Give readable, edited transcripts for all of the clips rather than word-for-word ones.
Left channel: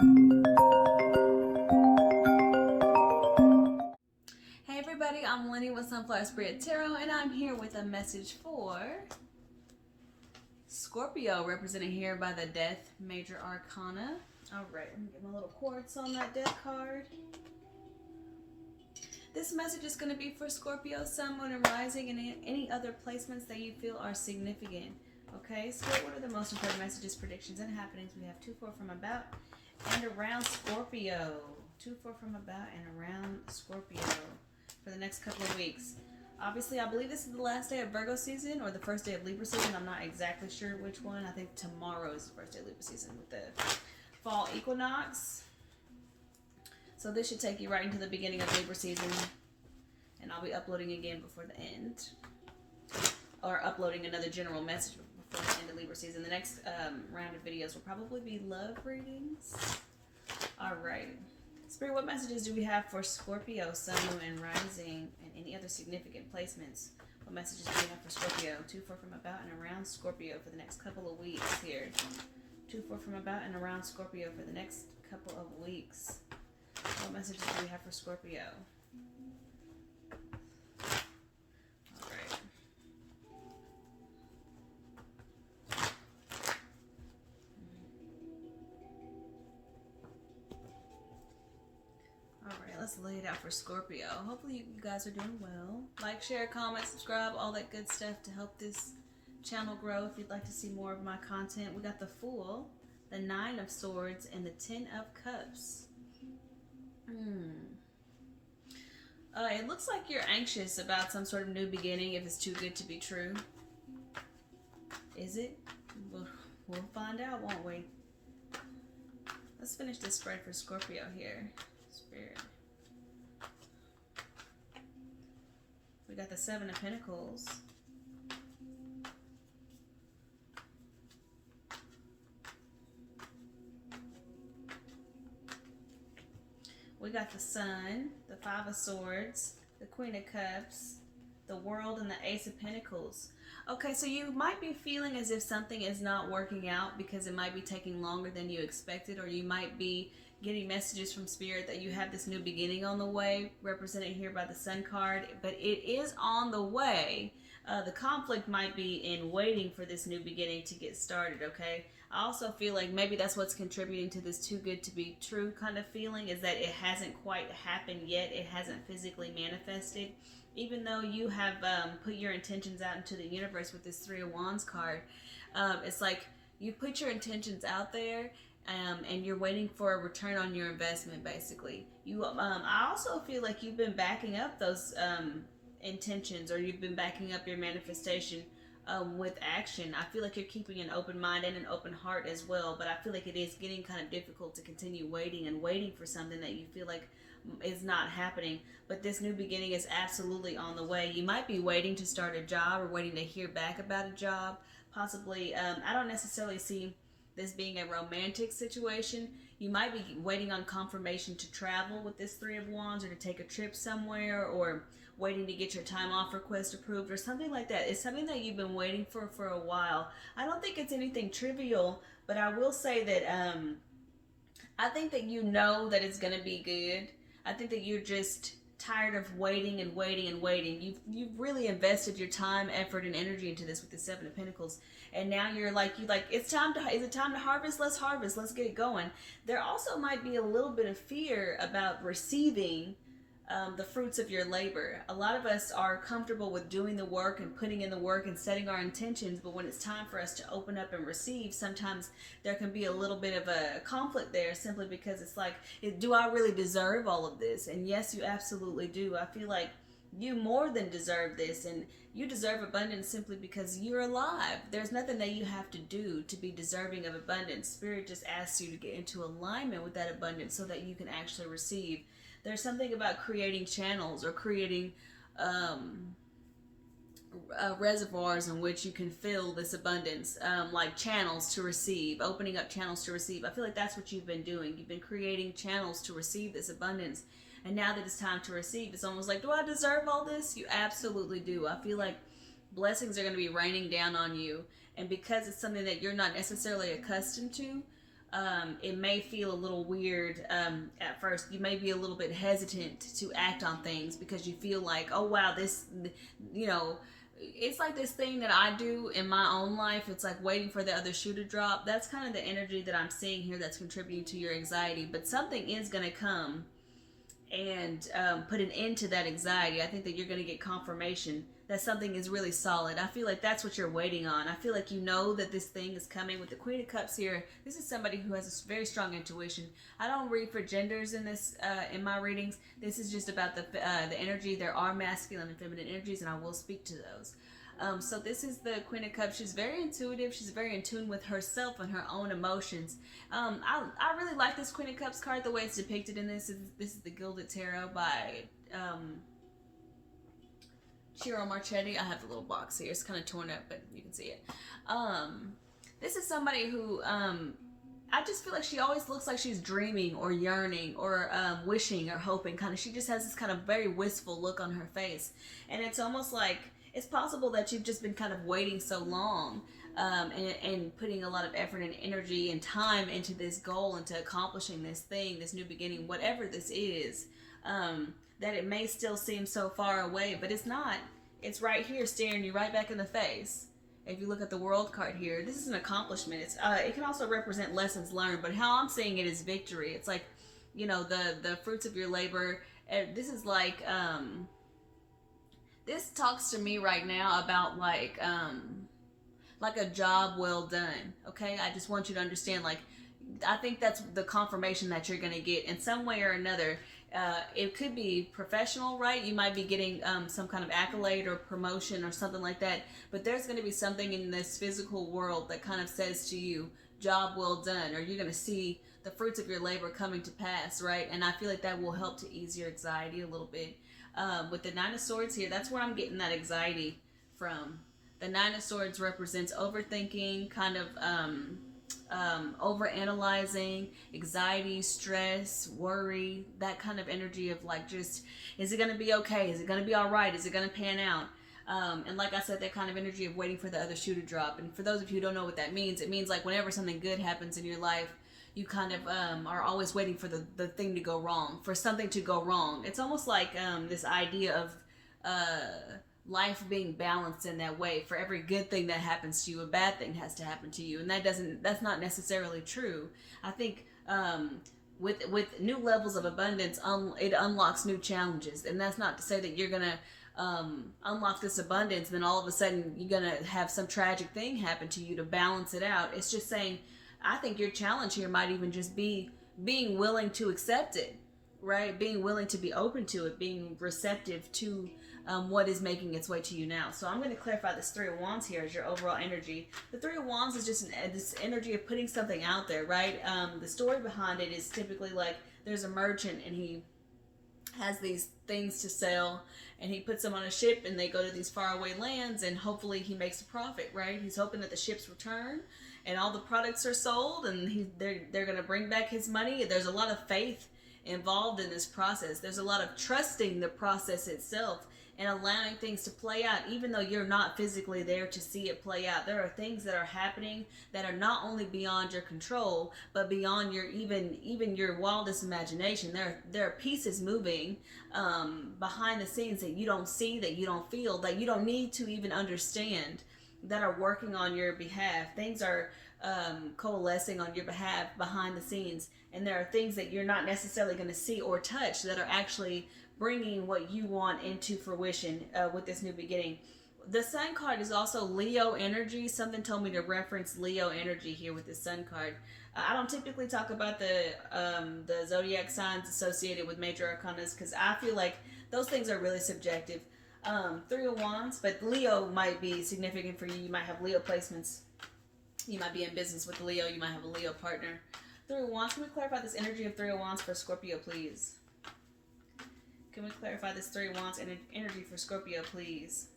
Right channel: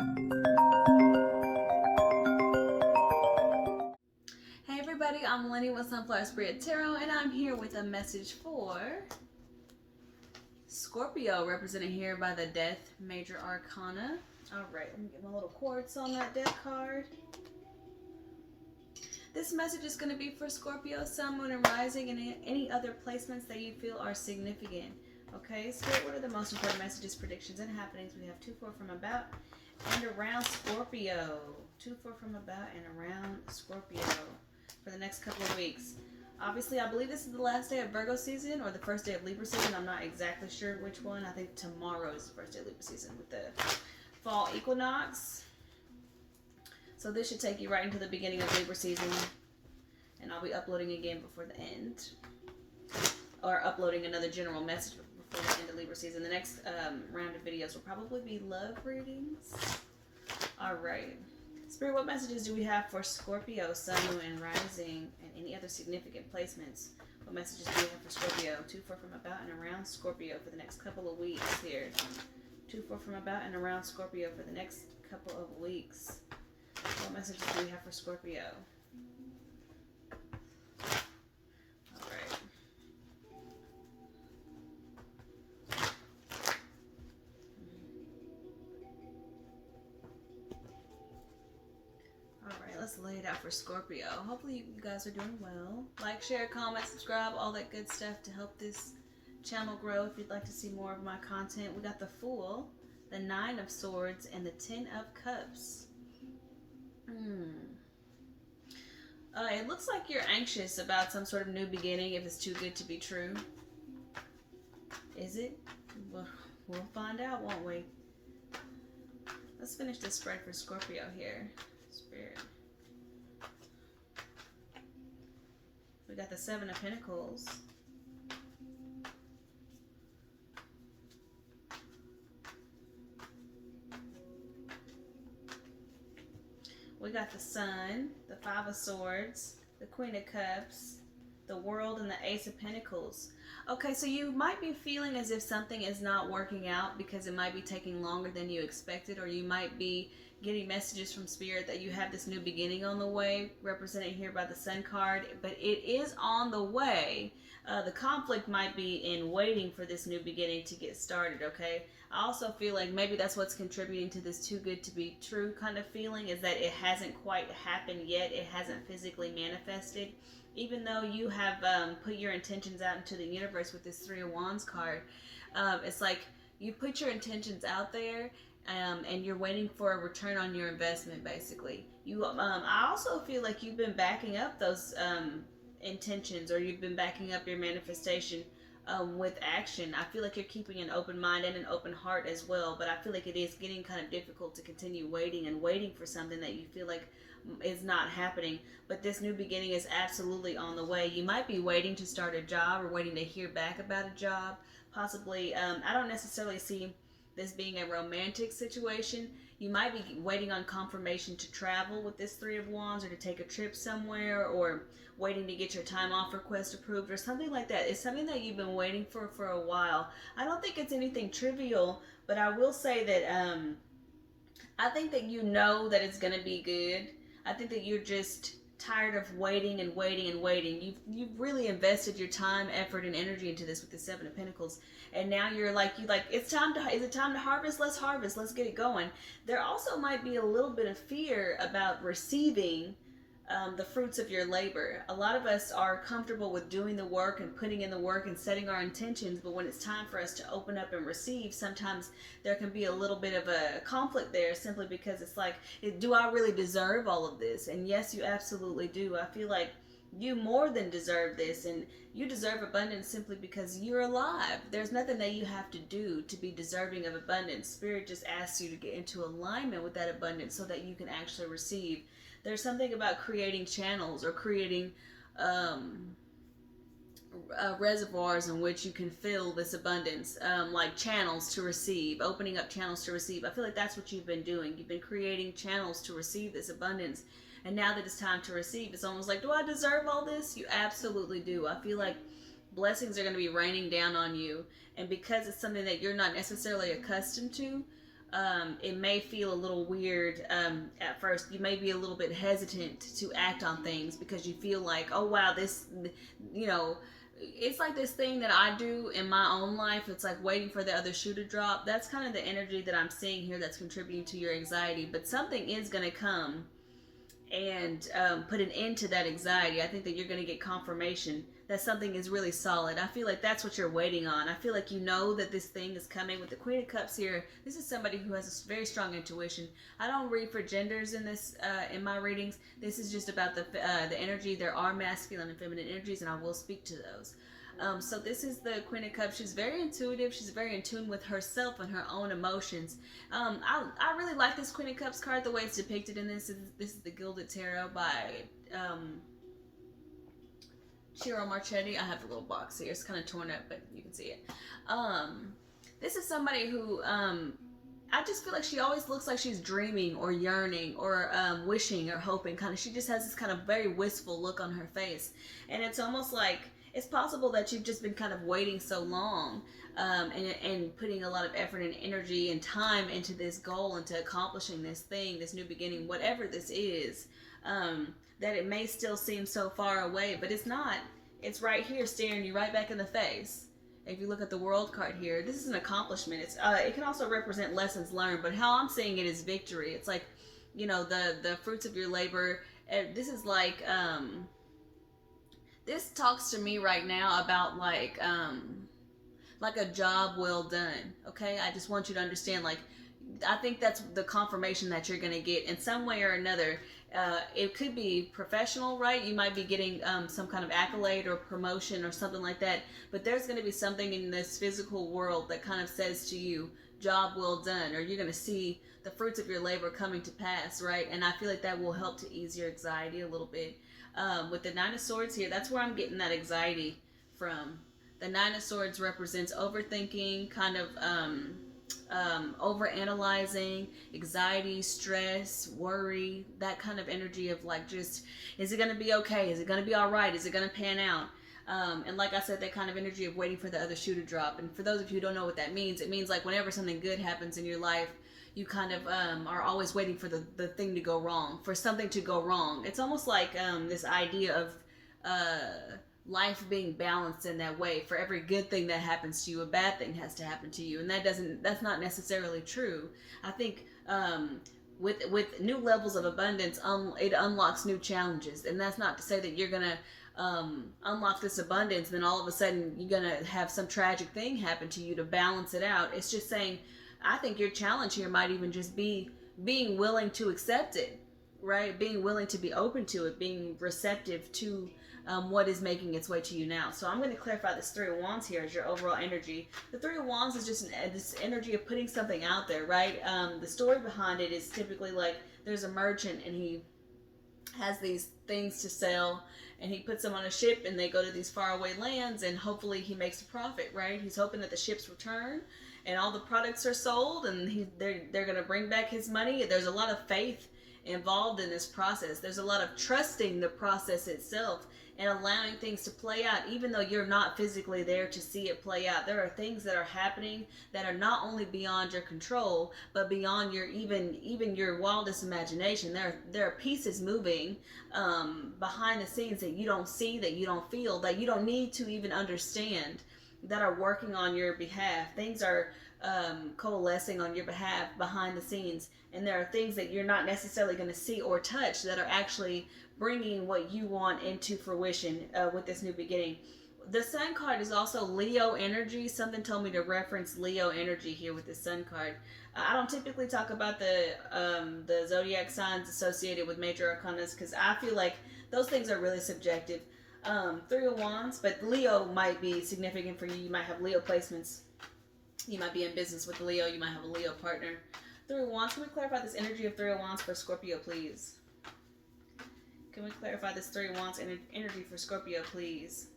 Hey everybody, I'm Lynnie with Sunflower Spirit Tarot, and I'm here with a message for Scorpio, represented here by the Death Major Arcana. Alright, let me get my little quartz on that deck card. This message is going to be for Scorpio, Sun, Moon, and Rising, and any other placements that you feel are significant. Okay, Spirit, what are the most important messages, predictions, and happenings? We have 2, 4 from about and around Scorpio. 2, 4 from about and around Scorpio for the next couple of weeks. Obviously, I believe this is the last day of Virgo season or the first day of Libra season. I'm not exactly sure which one. I think tomorrow is the first day of Libra season with the fall equinox. So this should take you right into the beginning of Libra season. And I'll be uploading again before the end. Or uploading another general message before the end of Libra season. The next round of videos will probably be love readings. Alright. Spirit, what messages do we have for Scorpio, Sun, Moon, and Rising, and any other significant placements? What messages do we have for Scorpio? 2, 4 from about and around Scorpio for the next couple of weeks here. 2, 4 from about and around Scorpio for the next couple of weeks. What messages do we have for Scorpio? Let's lay it out for Scorpio. Hopefully you guys are doing well. Like, share, comment, subscribe, all that good stuff to help this channel grow. If you'd like to see more of my content, we got the Fool, the 9 of Swords, and the 10 of Cups. It looks like you're anxious about some sort of new beginning if it's too good to be true. Is it? We'll find out, won't we? Let's finish this spread for Scorpio here. Spirit. We got the 7 of Pentacles. We got the Sun, the 5 of Swords, the Queen of Cups, the World, and the Ace of Pentacles. Okay, so you might be feeling as if something is not working out because it might be taking longer than you expected, or you might be getting messages from Spirit that you have this new beginning on the way, represented here by the Sun card, but it is on the way. The conflict might be in waiting for this new beginning to get started, okay? I also feel like maybe that's what's contributing to this too good to be true kind of feeling, is that it hasn't quite happened yet. It hasn't physically manifested. Even though you have put your intentions out into the universe with this 3 of Wands card, it's like you put your intentions out there, and you're waiting for a return on your investment, basically. I also feel like you've been backing up those intentions, or you've been backing up your manifestation with action. I feel like you're keeping an open mind and an open heart as well, but I feel like it is getting kind of difficult to continue waiting for something that you feel like is not happening. But this new beginning is absolutely on the way. You might be waiting to start a job or waiting to hear back about a job, possibly. I don't necessarily see this being a romantic situation. You might be waiting on confirmation to travel with this 3 of Wands, or to take a trip somewhere, or waiting to get your time off request approved, or something like that. It's something that you've been waiting for a while. I don't think it's anything trivial, but I will say that I think that you know that it's going to be good. I think that you're just tired of waiting and waiting and waiting. You've really invested your time, effort, and energy into this with the 7 of Pentacles, and now you're like it's time to, is it time to harvest? Let's harvest. Let's get it going. There also might be a little bit of fear about receiving the fruits of your labor. A lot of us are comfortable with doing the work and putting in the work and setting our intentions, but when it's time for us to open up and receive, sometimes there can be a little bit of a conflict there, simply because it's like, do I really deserve all of this? And yes, you absolutely do. I feel like you more than deserve this, and you deserve abundance simply because you're alive. There's nothing that you have to do to be deserving of abundance. Spirit just asks you to get into alignment with that abundance so that you can actually receive. There's something about creating channels, or creating reservoirs in which you can fill this abundance, like channels to receive, opening up channels to receive. I feel like that's what you've been doing. You've been creating channels to receive this abundance. And now that it's time to receive, it's almost like, do I deserve all this? You absolutely do. I feel like blessings are going to be raining down on you. And because it's something that you're not necessarily accustomed to, it may feel a little weird at first. You may be a little bit hesitant to act on things because you feel like, oh wow, this, you know, it's like this thing that I do in my own life. It's like waiting for the other shoe to drop. That's kind of the energy that I'm seeing here that's contributing to your anxiety. But something is going to come and put an end to that anxiety. I think that you're going to get confirmation that something is really solid. I feel like that's what you're waiting on. I feel like you know that this thing is coming. With the Queen of Cups here, this is somebody who has a very strong intuition. I don't read for genders in this in my readings. This is just about the energy. There are masculine and feminine energies, and I will speak to those. So this is the Queen of Cups. She's very intuitive. She's very in tune with herself and her own emotions. I really like this Queen of Cups card, the way it's depicted in this. This is the Gilded Tarot by Shiro Marchetti. I have the little box here. It's kind of torn up, but you can see it. This is somebody who I just feel like she always looks like she's dreaming or yearning or wishing or hoping. Kind of, she just has this kind of very wistful look on her face, and it's almost like it's possible that you've just been kind of waiting so long and putting a lot of effort and energy and time into this goal, into accomplishing this thing, this new beginning, whatever this is. That it may still seem so far away, but it's not. It's right here staring you right back in the face. If you look at the World card here, this is an accomplishment. It can also represent lessons learned, but how I'm seeing it is victory. It's like, you know, the fruits of your labor. This is like, this talks to me right now about like a job well done. Okay, I just want you to understand, like, I think that's the confirmation that you're going to get in some way or another. It could be professional, right? You might be getting some kind of accolade or promotion or something like that, but there's going to be something in this physical world that kind of says to you, job well done, or you're going to see the fruits of your labor coming to pass, right? And I feel like that will help to ease your anxiety a little bit. With the Nine of Swords here, that's where I'm getting that anxiety from. The Nine of Swords represents overthinking, kind of overanalyzing, anxiety, stress, worry, that kind of energy of like, just, is it going to be okay? Is it going to be all right? Is it going to pan out? And like I said, that kind of energy of waiting for the other shoe to drop. And for those of you who don't know what that means, it means like whenever something good happens in your life, you kind of are always waiting for the thing to go wrong, for something to go wrong. It's almost like this idea of life being balanced in that way. For every good thing that happens to you, a bad thing has to happen to you, and that's not necessarily true. I think with new levels of abundance, it unlocks new challenges, and that's not to say that you're gonna unlock this abundance, then all of a sudden you're gonna have some tragic thing happen to you to balance it out. It's just saying, I think your challenge here might even just be being willing to accept it, right? Being willing to be open to it, being receptive to what is making its way to you now. So I'm going to clarify this Three of Wands here as your overall energy. The Three of Wands is just this energy of putting something out there, right? The story behind it is typically like there's a merchant and he has these things to sell, and he puts them on a ship and they go to these faraway lands, and hopefully he makes a profit, right? He's hoping that the ships return and all the products are sold, and they're going to bring back his money. There's a lot of faith involved in this process. There's a lot of trusting the process itself and allowing things to play out, even though you're not physically there to see it play out. There are things that are happening that are not only beyond your control, but beyond your even your wildest imagination. There are pieces moving behind the scenes that you don't see, that you don't feel, that you don't need to even understand, that are working on your behalf. Things are coalescing on your behalf behind the scenes, and there are things that you're not necessarily going to see or touch that are actually bringing what you want into fruition with this new beginning. The Sun card is also Leo energy. Something told me to reference Leo energy here with the Sun card. I don't typically talk about the zodiac signs associated with major arcanas because I feel like those things are really subjective. Three of Wands, but Leo might be significant for you. You might have Leo placements. You might be in business with Leo. You might have a Leo partner. Three of Wands. Can we clarify this energy of Three of Wands for Scorpio, please? Can we clarify this Three of Wands energy for Scorpio, please?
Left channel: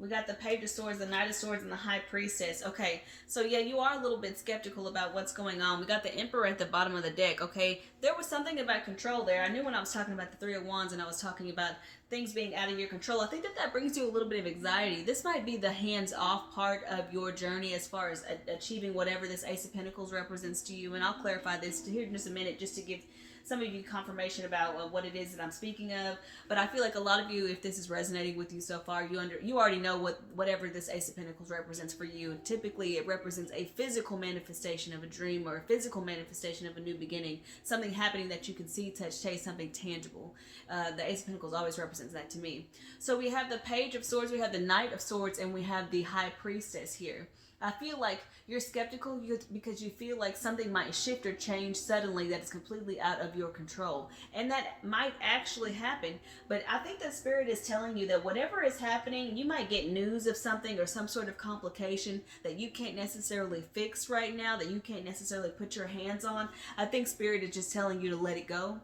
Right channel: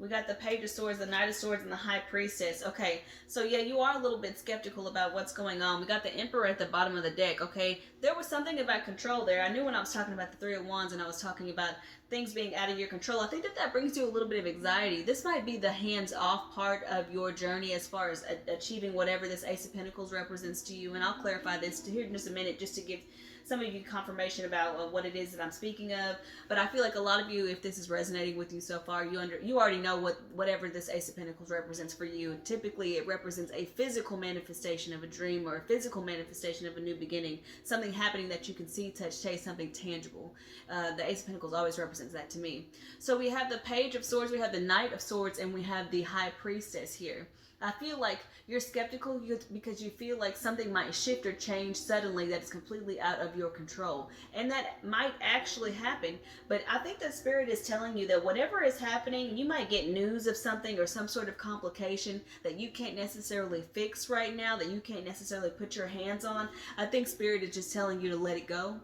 We got the Page of Swords, the Knight of Swords, and the High Priestess. Okay, so yeah, you are a little bit skeptical about what's going on. We got the Emperor at the bottom of the deck, okay? There was something about control there. I knew when I was talking about the Three of Wands and I was talking about things being out of your control, I think that that brings you a little bit of anxiety. This might be the hands-off part of your journey as far as achieving whatever this Ace of Pentacles represents to you. And I'll clarify this here in just a minute, just to give some of you confirmation about what it is that I'm speaking of. But I feel like a lot of you, if this is resonating with you so far, you already know whatever this Ace of Pentacles represents for you. And typically it represents a physical manifestation of a dream, or a physical manifestation of a new beginning, something happening that you can see, touch, taste, something tangible. The Ace of Pentacles always represents that to me. So we have the Page of Swords, we have the Knight of Swords, and we have the High Priestess here. I feel like you're skeptical because you feel like something might shift or change suddenly that is completely out of your control. And that might actually happen. But I think that Spirit is telling you that whatever is happening, you might get news of something or some sort of complication that you can't necessarily fix right now, that you can't necessarily put your hands on. I think Spirit is just telling you to let it go.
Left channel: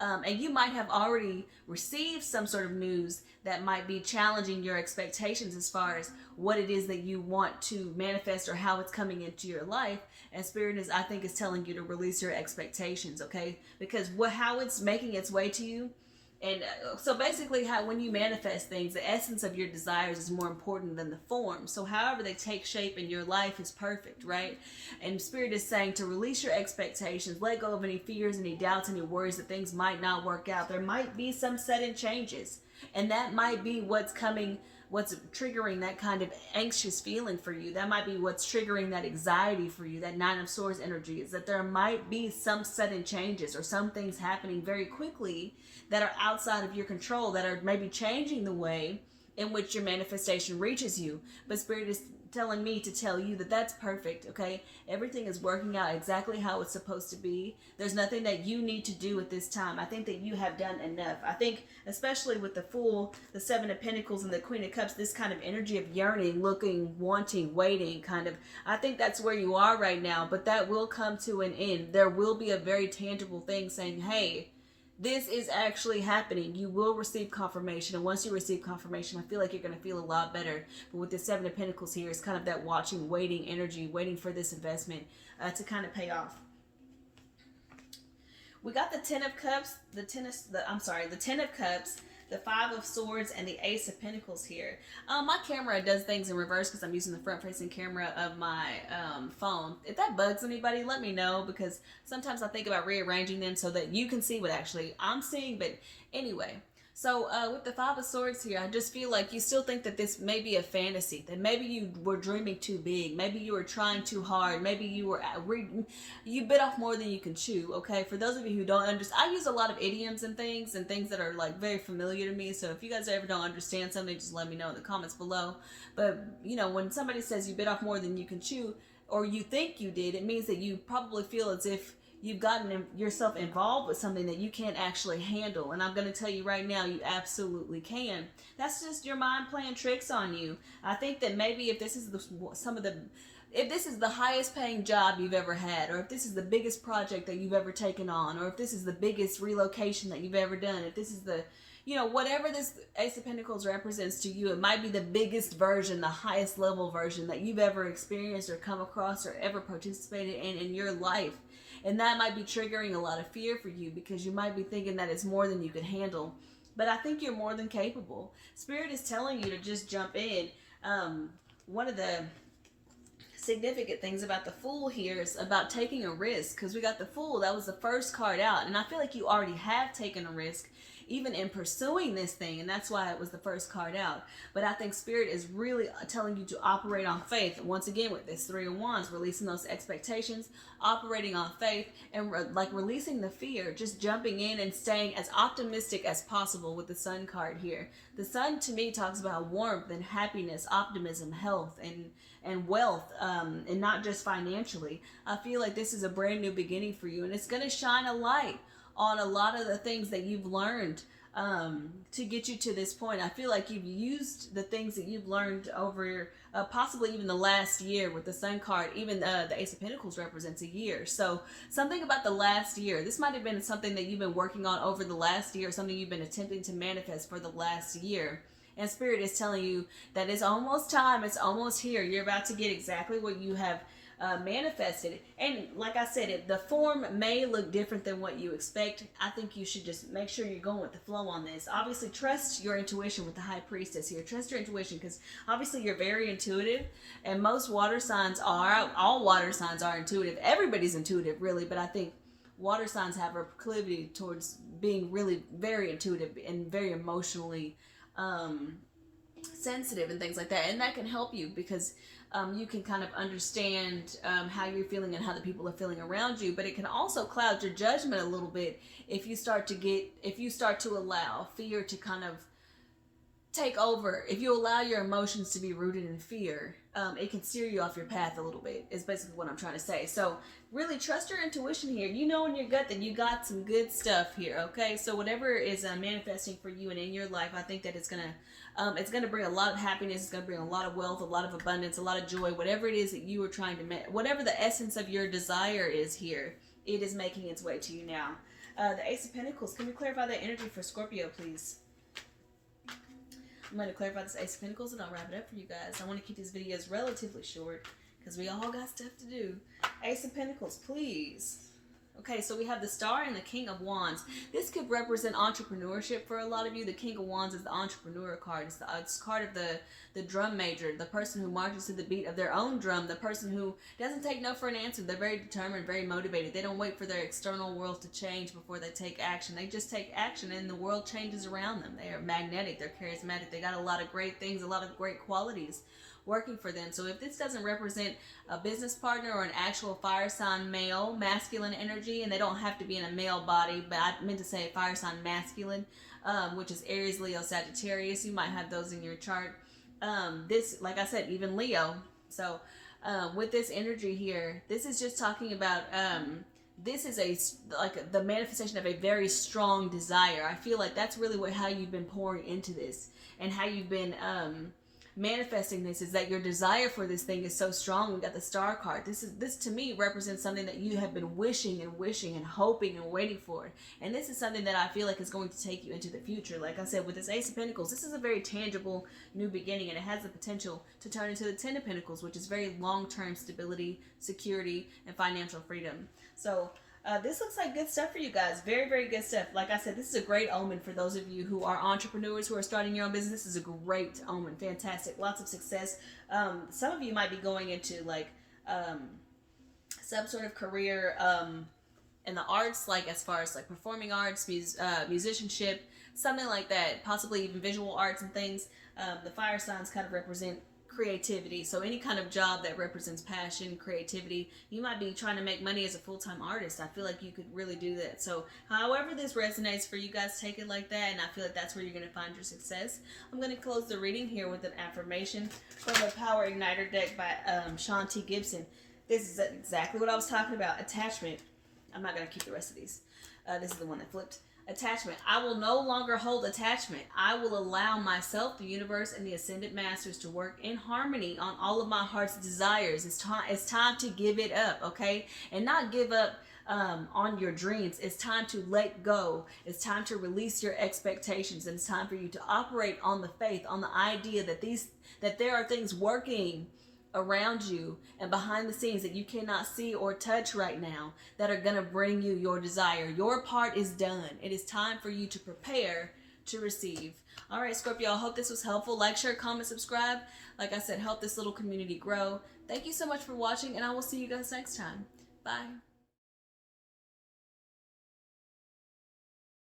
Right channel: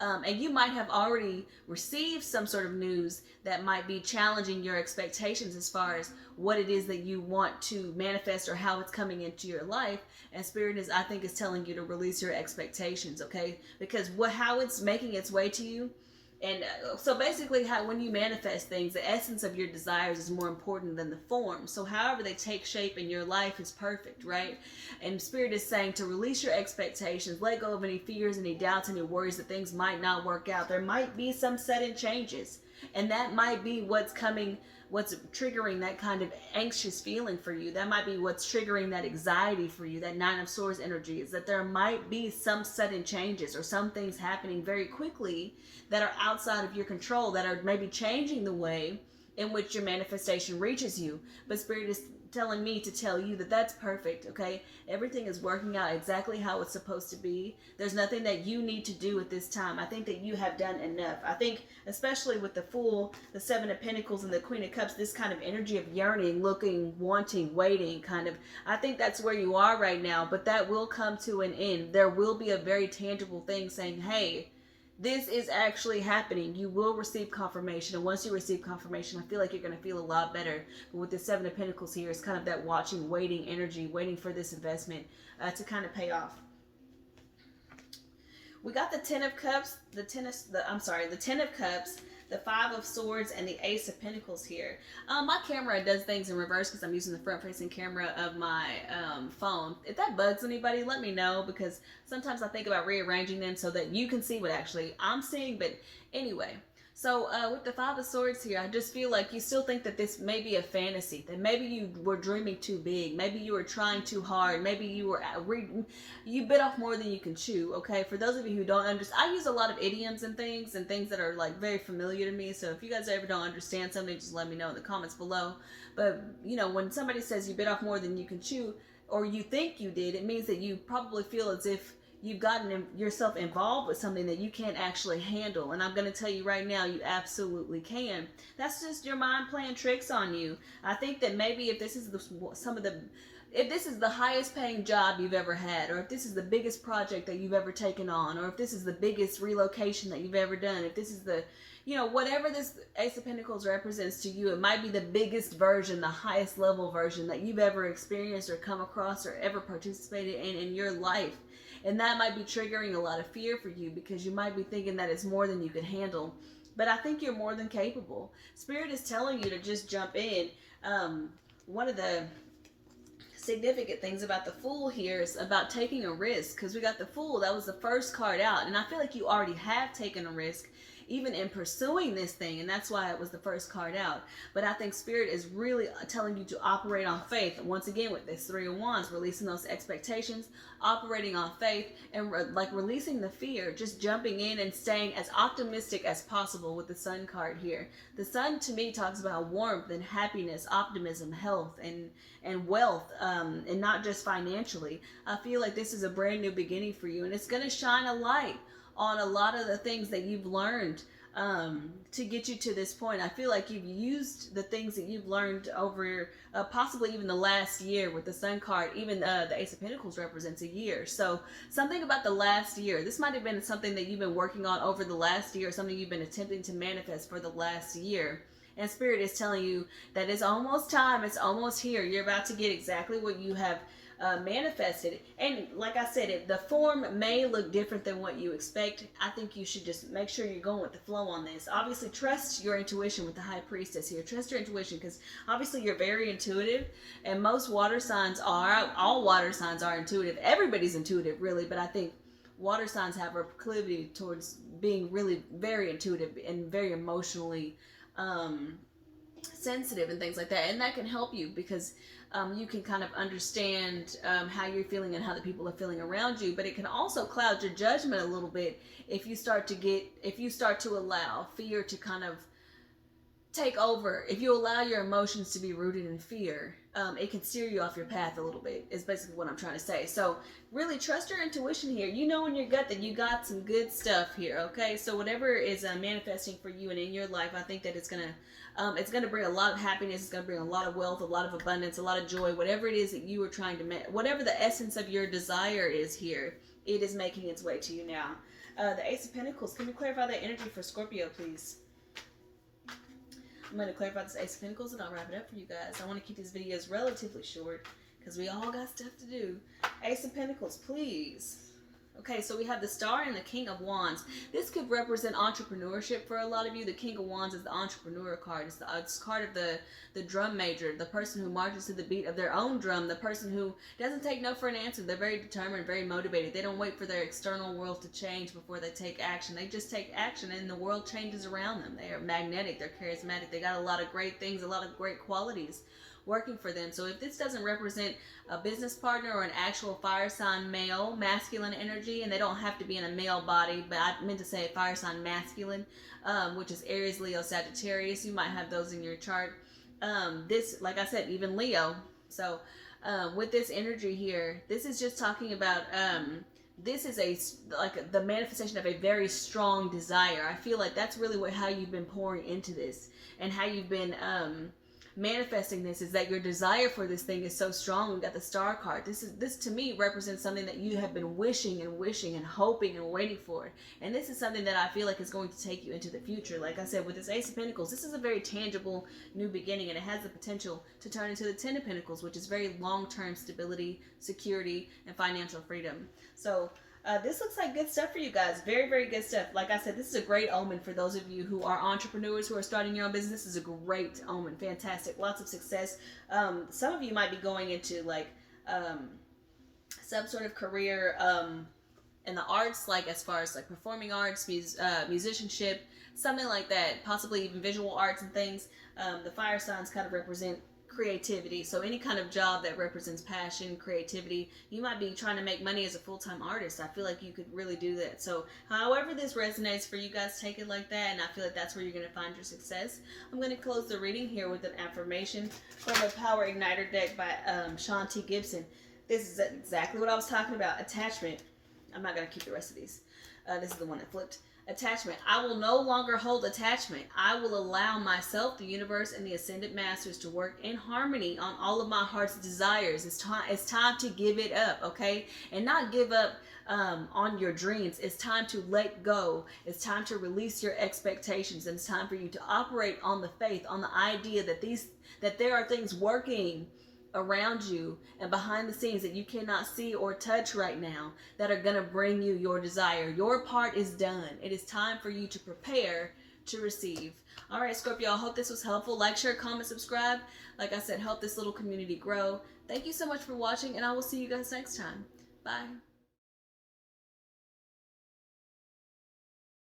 And you might have already received some sort of news that might be challenging your expectations as far as what it is that you want to manifest or how it's coming into your life. And Spirit is, I think, is telling you to release your expectations, okay? Because how it's making its way to you. And so basically when you manifest things, the essence of your desires is more important than the form. So however they take shape in your life is perfect, right? And Spirit is saying to release your expectations, let go of any fears, any doubts, any worries that things might not work out. There might be some sudden changes, and that might be what's triggering that kind of anxious feeling for you. That might be what's triggering that anxiety for you. That Nine of Swords energy is that there might be some sudden changes or some things happening very quickly that are outside of your control, that are maybe changing the way in which your manifestation reaches you. But Spirit is telling me to tell you that that's perfect, okay? Everything is working out exactly how it's supposed to be. There's nothing that you need to do at this time. I think that you have done enough. I think, especially with the Fool, the Seven of Pentacles, and the Queen of Cups, this kind of energy of yearning, looking, wanting, waiting, kind of, I think that's where you are right now, but that will come to an end. There will be a very tangible thing saying, hey, this is actually happening. You will receive confirmation. And once you receive confirmation, I feel like you're going to feel a lot better. But with the Seven of Pentacles here, it's kind of that watching, waiting energy, waiting for this investment to kind of pay off. We got the Ten of Cups, the Ten of Cups, the Five of Swords, and the Ace of Pentacles here. My camera does things in reverse because I'm using the front-facing camera of my phone. If that bugs anybody, let me know, because sometimes I think about rearranging them so that you can see what actually I'm seeing. But anyway, so with the Five of Swords here, I just feel like you still think that this may be a fantasy, that maybe you were dreaming too big, maybe you were trying too hard, maybe you bit off more than you can chew, okay? For those of you who don't understand, I use a lot of idioms and things that are like very familiar to me, so if you guys ever don't understand something, just let me know in the comments below. But, you know, when somebody says you bit off more than you can chew, or you think you did, it means that you probably feel as if you've gotten yourself involved with something that you can't actually handle. And I'm going to tell you right now, you absolutely can. That's just your mind playing tricks on you. I think that maybe if this is if this is the highest paying job you've ever had, or if this is the biggest project that you've ever taken on, or if this is the biggest relocation that you've ever done, if this is the, you know, whatever this Ace of Pentacles represents to you, it might be the biggest version, the highest level version that you've ever experienced or come across or ever participated in your life. And that might be triggering a lot of fear for you, because you might be thinking that it's more than you can handle. But I think you're more than capable. Spirit is telling you to just jump in. One of the significant things about the Fool here is about taking a risk, because we got the Fool. That was the first card out. And I feel like you already have taken a risk even in pursuing this thing, and that's why it was the first card out. But I think Spirit is really telling you to operate on faith. Once again, with this Three of Wands, releasing those expectations, operating on faith, and like releasing the fear, just jumping in and staying as optimistic as possible with the Sun card here. The Sun to me talks about warmth and happiness, optimism, health, and wealth, and not just financially. I feel like this is a brand new beginning for you, and it's going to shine a light on a lot of the things that you've learned to get you to this point. I feel like you've used the things that you've learned over possibly even the last year with the Sun card. Even the Ace of Pentacles represents a year. So something about the last year. This might have been something that you've been working on over the last year, something you've been attempting to manifest for the last year. And Spirit is telling you that it's almost time. It's almost here. You're about to get exactly what you have manifested. And like I said, the form may look different than what you expect. I think you should just make sure you're going with the flow on this. Obviously, trust your intuition with the High Priestess here. Trust your intuition, because obviously you're very intuitive, and most water signs are. All water signs are intuitive. Everybody's intuitive, really, but I think water signs have a proclivity towards being really very intuitive and very emotionally sensitive and things like that. And that can help you, because you can kind of understand how you're feeling and how the people are feeling around you. But it can also cloud your judgment a little bit if you start to allow fear to kind of take over. If you allow your emotions to be rooted in fear, it can steer you off your path a little bit, is basically what I'm trying to say. So really trust your intuition here. You know in your gut that you got some good stuff here, okay? So whatever is manifesting for you and in your life, I think that it's gonna bring a lot of happiness. It's gonna bring a lot of wealth, a lot of abundance, a lot of joy. Whatever it is that you are trying to whatever the essence of your desire is here, it is making its way to you now. The Ace of Pentacles. Can you clarify that energy for Scorpio, please? I'm going to clarify this Ace of Pentacles and I'll wrap it up for you guys. I want to keep these videos relatively short because we all got stuff to do. Ace of Pentacles, please. Okay, so we have the Star and the King of Wands. This could represent entrepreneurship for a lot of you. The King of Wands is the entrepreneur card. It's the card of the drum major, the person who marches to the beat of their own drum, the person who doesn't take no for an answer. They're very determined, very motivated. They don't wait for their external world to change before they take action. They just take action and the world changes around them. They are magnetic. They're charismatic. They got a lot of great things, a lot of great qualities working for them. So if this doesn't represent a business partner or an actual fire sign male, masculine energy, and they don't have to be in a male body, but I meant to say fire sign masculine, which is Aries, Leo, Sagittarius. You might have those in your chart. This, like I said, even Leo. So with this energy here, this is just talking about this is the manifestation of a very strong desire. I feel like that's really how you've been pouring into this, and how you've been manifesting this, is that your desire for this thing is so strong. We've got the Star card. This to me represents something that you have been wishing and hoping and waiting for, and this is something that I feel like is going to take you into the future. Like I said, with this Ace of Pentacles, this is a very tangible new beginning, and it has the potential to turn into the Ten of Pentacles, which is very long-term stability, security, and financial freedom. So this looks like good stuff for you guys. Very, very good stuff. Like I said, this is a great omen for those of you who are entrepreneurs, who are starting your own business. This is a great omen. Fantastic. Lots of success. Some of you might be going into like some sort of career in the arts, like as far as like performing arts, musicianship, something like that. Possibly even visual arts and things. The fire signs kind of represent creativity, so any kind of job that represents passion, creativity. You might be trying to make money as a full-time artist. I feel like you could really do that. So however this resonates for you guys, take it like that, and I feel like that's where you're going to find your success. I'm going to close the reading here with an affirmation from the Power Igniter deck by Sean T. Gibson. This is exactly what I was talking about. Attachment. I'm not going to keep the rest of these. This is the one that flipped. Attachment. I will no longer hold attachment. I will allow myself, the universe, and the ascended masters to work in harmony on all of my heart's desires. It's time to give it up, okay? And not give up on your dreams. It's time to let go. It's time to release your expectations. And it's time for you to operate on the faith, on the idea that there are things working around you and behind the scenes that you cannot see or touch right now that are going to bring you your desire. Your part is done. It is time for you to prepare to receive. All right, Scorpio, I hope this was helpful. Like, share, comment, subscribe. Like I said, help this little community grow. Thank you so much for watching, and I will see you guys next time. Bye.